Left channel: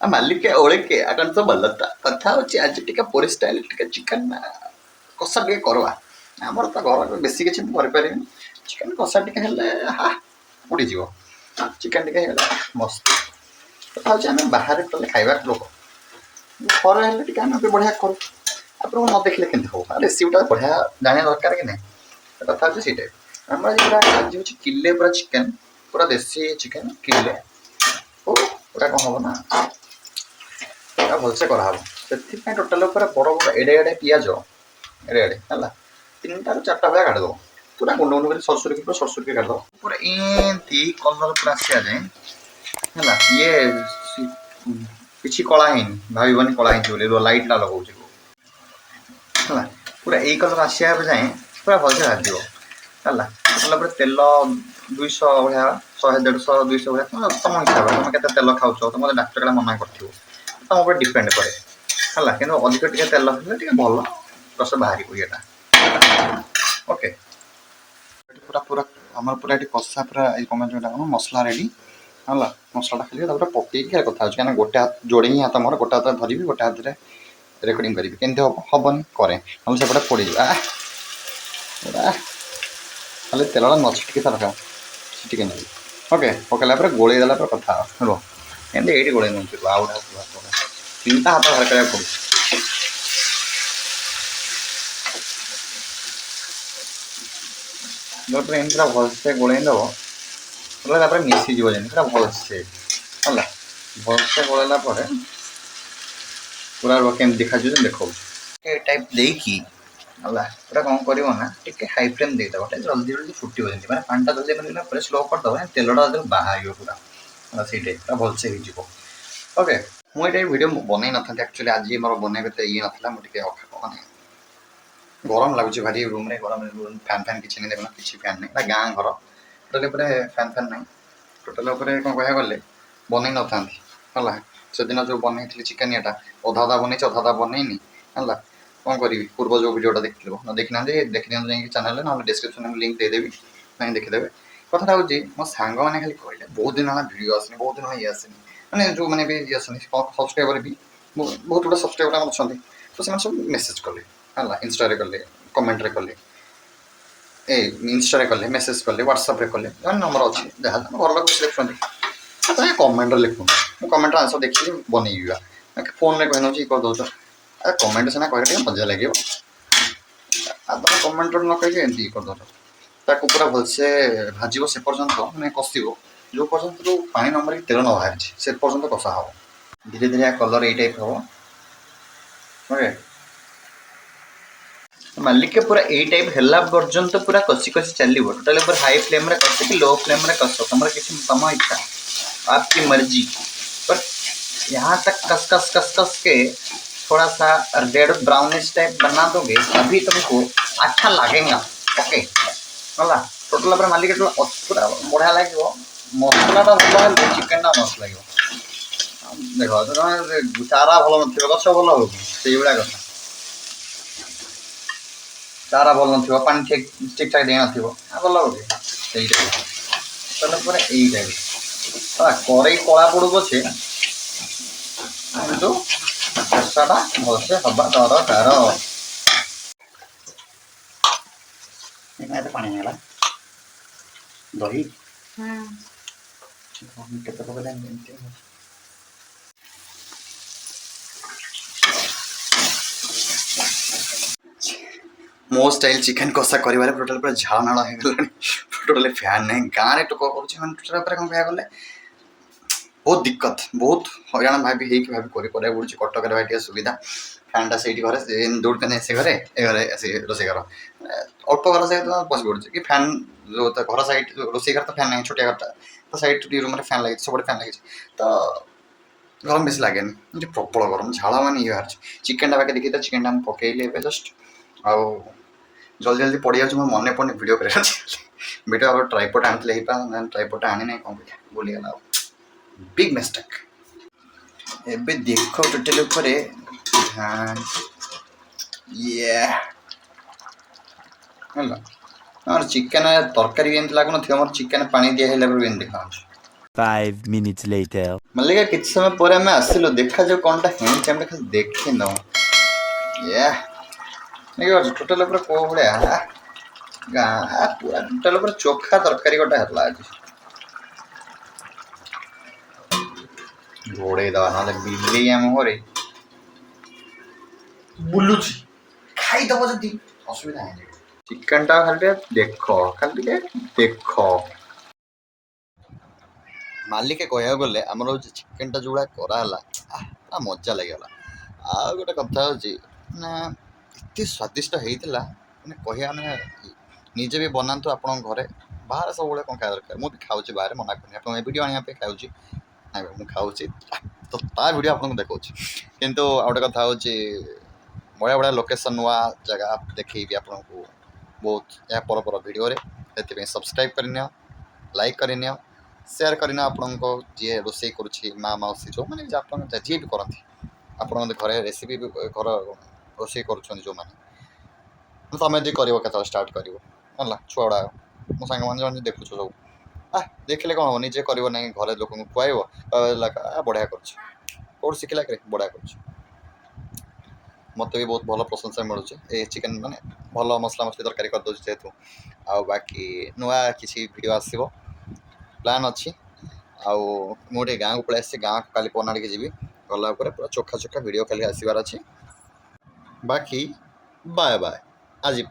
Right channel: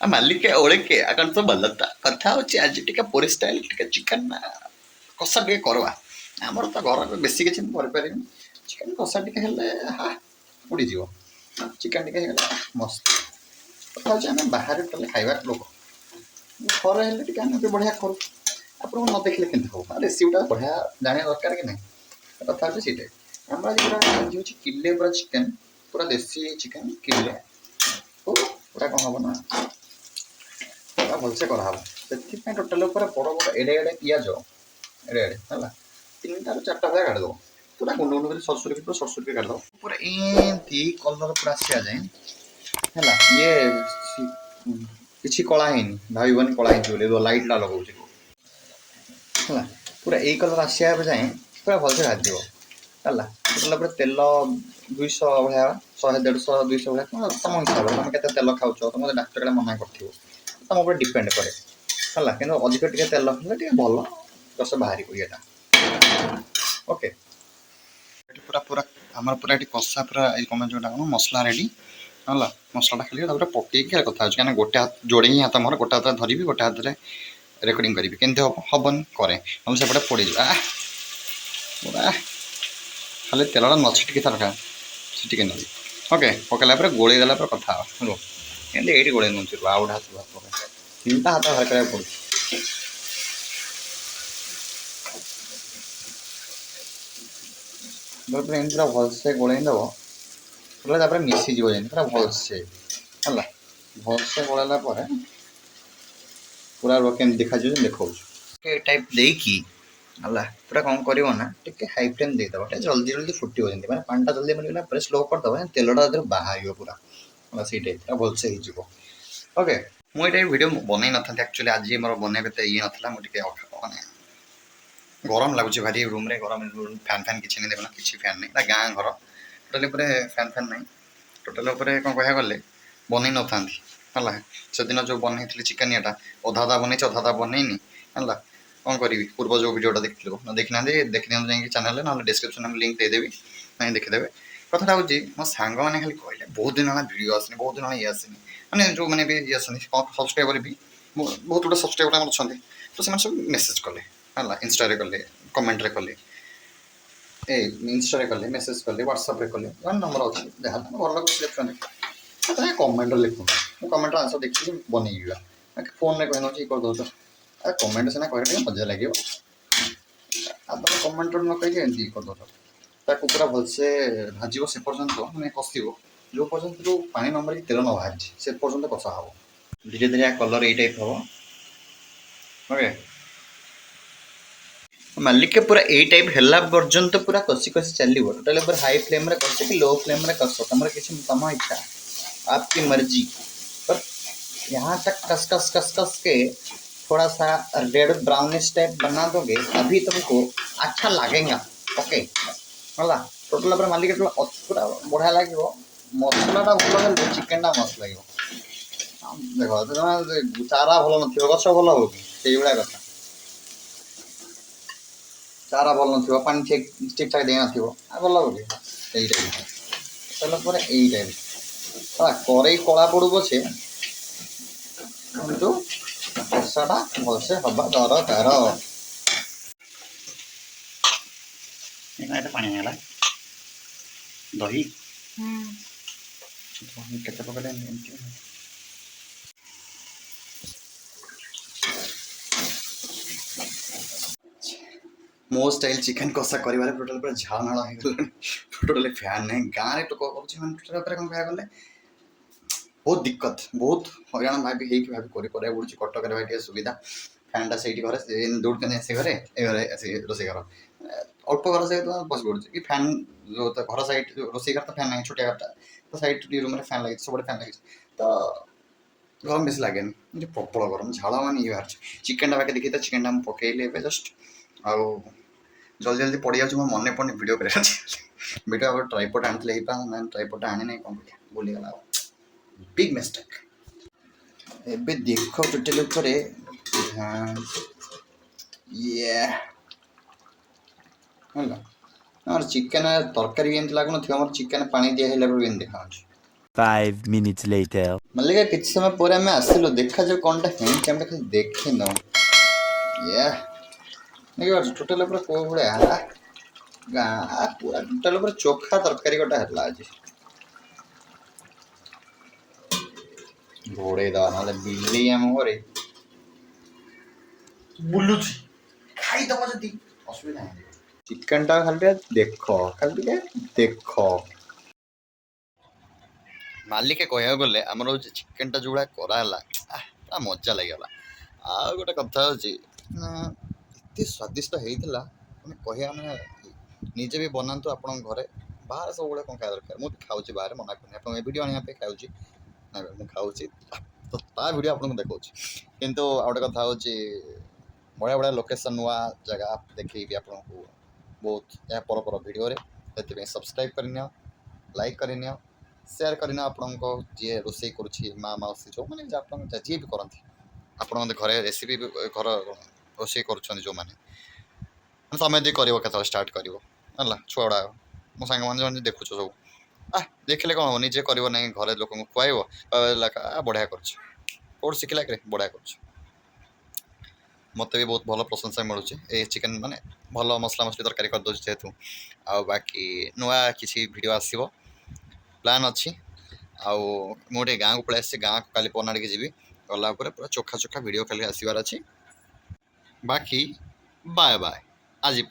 ମାଲିକେ ଓଳିକେ ଆଗଣ ତ ଭଲ ତ କଥା ହେଉଛି ଆଜି ଟିକେ ପୁରୀ ଷ୍ଟାଇଲ୍ ଟିକେ ଚିକେନ୍ କଷା ଟିକେ କରବା। ଆମର ତ ଘର ବେଶୀ କିଛି ମୁଁ କରିପାରିବିନି। ଚିକେନ୍ କଷା ଟିକେ ହେଲେ ଉଡ଼ିଯିବ। ଚିକେନ୍ ଟିକେ ହେଇଗଲେ ମସ୍ତ। କଥା ହେଉଛି ଆମେ ବାହାରେ କଲେ ଖାଇବା ଲୋକ, ଘରେ ହେଲେ ଟିକେ ଆମେ ବଢ଼ିଆ କରୁ। ଆପଣଙ୍କୁ ନ ଦେଖିଲେ କେମିତି ହବ? ରେସିପିଟା ବଢ଼ିଆ ଜାଣିବା ଦରକାର କି ନାହିଁ? କଥା ହେଉଛି ସେଇଟା। ଆମର ପୁରା ଆଜି ହେଉଛି କିଲେ ପୁରା ଚିକେନ୍, ପୁରା ଦେଶୀ ଚିକେନ୍ କିଲେ ପୁରା କ'ଣ ହେବ ନା ଭଲସେ କରାହେବ। ସେଥିପାଇଁ ଟୋଟାଲ୍ ଉପରେ ବଡ଼ ବଡ଼ ଏଡ଼େ ଏଡ଼େ ପିଆଜ ଏଡ଼େ ଏଡ଼େ ହେଲା 3ଟାରୁ 4ଟା ଭଳିଆ କାଟିଦେବ। ପୁରା ଗୁଣ୍ଡ ଗୁଣ୍ଡ କରି ସରସରିକି ପୁରା ସରସରିକି କାଟିଦେବ। ପୁରା ଏମିତି କଲର୍ ପୁରା ଆସିବା ଯାଏ ହେଲା। ଇଏ କିଛି କଳା ହେଇନି, ଭାବିବନି କଳା ହେଇଛି ବୋଲି ଲାଇଟ୍ଟା ଲଗାଉଛି ହେଲା। ପୁରା ଏଇ କଲର୍ ଆସିବା ଯାଏଁ ପୁରା ଭଲସେ ଭାଜିବ ହେଲା। ତାପରେ ତେଲ 200 ଭଳିଆ 100 150 200 ଭଳିଆ ତମ ହିସାବରେ ତମେ କେତେ ତେଲ ଖାଉଛ, ତମ ଡାକ୍ତର କାଳେ ମନା କରିଥିବ, ତମ ଉପରେ ଡିପେଣ୍ଡ କରେ ହେଲା। କିନ୍ତୁ ଅଧିକ ଟିକେ ତେଲ ହେଲେ ଟିକେ ଭଲ ରସ ବାହାରିବ ଇଏଟା। ଓକେ, ପୁରା ପୁରା ଆମର ପୁରା ଏଠି କଷା ପୁରା ଏଇ ଯେଉଁଟା କ'ଣ ମସଲା ରେଡ଼ି ହେଲା। ମସଲାଟା ଖାଲି ତାପରେ ପକେଇକି କଥା ହେଉଛି, କାହିଁକିନା ଗୋଟେ ହାତ ଯୋଡ଼େ ହିଁ ହାତ ମୋର, ଗୋଟେ ହାତରେ ଧରିବି ଗୋଟେ ହାତରେ ରେକର୍ଡ଼ିଂ କରିବି। କେମିତି ହେବ? ହେବନି କରେ ଆମେ ସେପଟେ ପଡ଼ିଯିବ। ଖାଲି ତେଲଟା ନଛିଟିକି ଦରକାର ସେ ଟିକେ ନେବି। ଓକେ, ପକାଇଲା ପରେ ଗୋଳେଇ ଦେଲା ପରେ କଥା ରୁହ। ଏମିତି ଏଇଠି ଗୋଳେଇ ନେଉଛି ଆଉ ଗୋଟେ ହାତ 3ଟା ହାତ ବାହାର କରିବାକୁ ପଡ଼ୁଛି। ତାପରେ ଏମିତି ପୁରା ଭଲସେ ଗୋଳେଇ ଦେବ ବୋଲେ ତାପରେ ମିଶିଯିବ ଯେମିତି ପୁରା ଭଲସେ ହେଲା। ଭଲସେ ଗୋଳେଇଲା ପରେ ପୁରା କେମିତି ଦେଖାଯିବ ଦେଖାଉଛି ଏ ଟାଇପ୍ ଦେଇକି ହେଲା। ଏଇଟା କ'ଣ କରିବ ନା ଟିକେ ହାଇ ଫ୍ଲେମ୍ ଦେଇଦେବ, ଟିକେ ଜଲ୍ଦି ଜଲ୍ଦି ଫୁଟିବ ଯେମିତି, ମାନେ ପାଣିଟା ଜଲ୍ଦି ବନିଲା ପରେ ସ୍ଲୋ କରିଦେବ, ତେଲଟା ଯେତେବେଳେ ବାହାରିବ ପୁରା ହେଲା ସେଇ ଟାଇପ୍ଟା ଭଲସେ ହେଇଯିବ। ଓକେ, ମୁଁ ଏଇଟା ଭିଡ଼ିଓ ବନେଇ ନଥାନ୍ତି ଆକ୍ଚୁଆଲି, ଆଜି ମୋର ବନେଇବା ଏତେ ଇଏ ନଥିଲା। ମୁଁ ଟିକେ ମାନେ ଗରମ ଲାଗୁଛି ଭାରି ରୁମ୍ରେ, ଗରମ ଫ୍ୟାନ୍ ଫ୍ୟାନ୍ କିଛି ନାହିଁ, ଦେଖୁନ କିଛି ଫ୍ୟାନ୍ ନାହିଁ। ଏଇଟା ଗାଁ ଘର, ଟୋଟାଲି ଉପରେ ଫ୍ୟାନ୍ ଫ୍ୟାନ୍ ନାହିଁ। ଟୋଟାଲ ଉପରେ କ'ଣ କହିବାକୁ ଗଲେ ବନେଇ ନଥାନ୍ତି ହେଲା। ସେଦିନ ଯେଉଁ ବନେଇଥିଲି ଚିକେନ୍ ଏଇଟା ଅଧା ଅଧା ବନେଇଛି ଅଧା ଅଧା ବନେଇନି ହେଲା। କ'ଣ କରିବି, ପୂର୍ବ ଯେଉଁ ଭିଡ଼ିଓଟା ଦେଖିଥିବ, ଦେଖିନାହାନ୍ତି ଦେଖିଦିଅନ୍ତୁ ଯାଇକି ଚ୍ୟାନେଲ୍ରେ, ନହେଲେ ଡିସ୍କ୍ରିପ୍ସନ୍ରେ ମୁଁ ଲିଙ୍କ୍ ଦେଇଦେବି, ଯାଇକି ଦେଖିଦେବେ। କଥାଟା ହେଉଛି ମୋ ସାଙ୍ଗମାନେ ଖାଲି କହିଲେ ବହୁତ ଦିନ ହେଲା ଭିଡ଼ିଓ ଆସୁନି, ବହୁତ ଦିନ ହେଲା ଇଏ ଆସୁନି, ମାନେ ଯେଉଁମାନେ ବି ଇଏ ଆସନ୍ତି ସବସ୍କ୍ରାଇବର୍ ବି ବହୁତ ଗୁଡ଼ା ସବସ୍କ୍ରାଇବର୍ ଆମର ଅଛନ୍ତି। ତ ସେମାନେ ସବୁ ମେସେଜ୍ କଲେ ହେଲା, ଇନଷ୍ଟାରେ କଲେ, କମେଣ୍ଟରେ କଲେ, ଇନଷ୍ଟାରେ କଲେ, ମେସେଜ୍ କଲେ, ହ୍ୱାଟ୍ସଆପ୍ରେ କଲେ, ଯାହାର ନମ୍ବର ଅଛି ଯାହା ଘର ଲୋକ ଦେଖୁଛନ୍ତି ତମେ କମେଣ୍ଟରେ ଲେଖୁନ। ମୁଁ କମେଣ୍ଟର ଆନ୍ସର୍ ଦେଖିକି ବନେଇବି। ଫୋନ୍ରେ କହିନେଉଛି ଇଏ କରିଦେଉଛ। କମେଣ୍ଟ ସିନା କହିଲେ ଟିକେ ମଜା ଲାଗିବ, ଆଉ ତମେ କମେଣ୍ଟର ନ କହିକି ଏମିତି ଇଏ କରିଦେଉଛ। ତାକୁ ପୁରା ଭଲସେ ଭାଜିବ ସେ ପର୍ଯ୍ୟନ୍ତ, ମାନେ କଷିବ ଯେଉଁ ପର୍ଯ୍ୟନ୍ତ ପାଣି ନ ମରିକି ତେଲ ନ ବାହାରିଛି ସେ ପର୍ଯ୍ୟନ୍ତ କଷା ହେବ। ଧୀରେ ଧୀରେ କଲର୍ ଏଇ ଟାଇପ୍ ହେବ। ଓକେ, ମାଲିକେ ପୁରା ଏଇ ଟାଇପ୍ ହେଲା ପର୍ଯ୍ୟନ୍ତ ପୁରା କଷି କଷି ଚାଲିବ। ଟୋଟାଲି ପୁରା हाई फ्लेम रे कस कि लो फ्लेम रे कस, तुम किसी तम इच्छा, आपकी मर्जी। पर यहाँ तक कस कस कस कस के थोड़ा सा रेड ब्राउनिश टाइप बना दोगे तभी तुमको अच्छा लगेगा। ओके है टोटाल पूरा मालिक पूरा बढ़िया लगे, मसलाटा भल चिकेन टा मस्त लगे। देख तुम चारा भल न गछ भल हो से भाया कथा, चारा भल न पानी ठीक ठीक ठाक दे न भल हो पूरा यही टाइप कड़े कला पड़ू पछे किंतु कषाटा भलसे हवा दरकार। पानी है दही केते पकड़े मो स्टाइल चिकेन कषा कर टोटाल पूरा झाड़ नाड़ हो गला। टोटाल फैन नहीं गाँव में टोक टोटाल कौन कह गले बहुत दिक्कत, बहुत हईराण भाभी भाभी कर कटक भाई सुविधा। फैनटा से घरे दौड़ पे से घरे ए घरे रोसे घर अल्प घर से बस पड़े कि फैन जो घर सैड रोसे घर तो फैन नहीं छोटिया घरटा तो सैड रूम फैन लगे सब फैन लगे तो गरम बेस लगे प्रबल गरम झाड़ मान ये बाहर। चिकेन बाकी देखी चिकेन टा पकईली जस्ट आउ जल्दी जल्दी पड़ जाऊँ मन पड़े भिड कर भिड ट्राइपड आनी ट्राइपड आनी ना कौन भूलीगला बिग मिस्टेक। एबे देखो टोटल ऊपर और चिकेन तरकारी लगुन मोर चिकेन पानी दिया देखा 5 minutes later मल्लिका किसी समय पर आम आसिल देखा जो कौन टा हेणी आम खाली देखी न टोटाल पूरा को भाया गाँ पूरा टोटाल पूरा चोखा तरकारी गोटे है आज घोड़े दवा ना बिल्ली आम घरे बुलुची खाईदब जदि असुविधा है चिकेन टा खाली खाली देख मालिके कह गले आमर हूँ चिकेन टा जो कराला पूरा मजा लगे आ गोटे कथा हूँ ना एत स्वादिष्ट होता कह निजे भी बनातु आप घरे बाहर सब कौन खाया दरकार मुझे खाऊँ बाहर मना कर वीडियो आने खाऊँ ना मुझे खाऊँ तो ता वीडियो आपको देखा किंतु गोटे कथा हूँ बढ़िया बढ़िया लोकेशन नुआ जगह देखी आपको बहुत या पर वीडियो से सब्सक्राइब करनी लाइक करनी सेयार करना आपण जी रोसे कर माँ मौसी जो मैंने जी भी करती आप घरे रेसीपी घर रोसे कर जो मैंने तुम जी कर स्टार्ट कर छुआ गुड़ा मो सांग मैंने देखु सब देखिले कौन हम निजे कर ना घरे लोक खुआब बढ़िया कर शिखला बढ़िया कर मत भी बहुत भल प्रशंसा मिलूँ चिकेन माने भल मसला मसली तरकारी करदे जेहेतु आ बाकी नुआ किसी वीडियो आसो प्लान अच्छी आउ मुझे गाँव को पलि गाँव को काली पना जी गला पूरा चोखा चोखा वीडियो खाली आसबार अच्छी बाकी बाय बाय आज।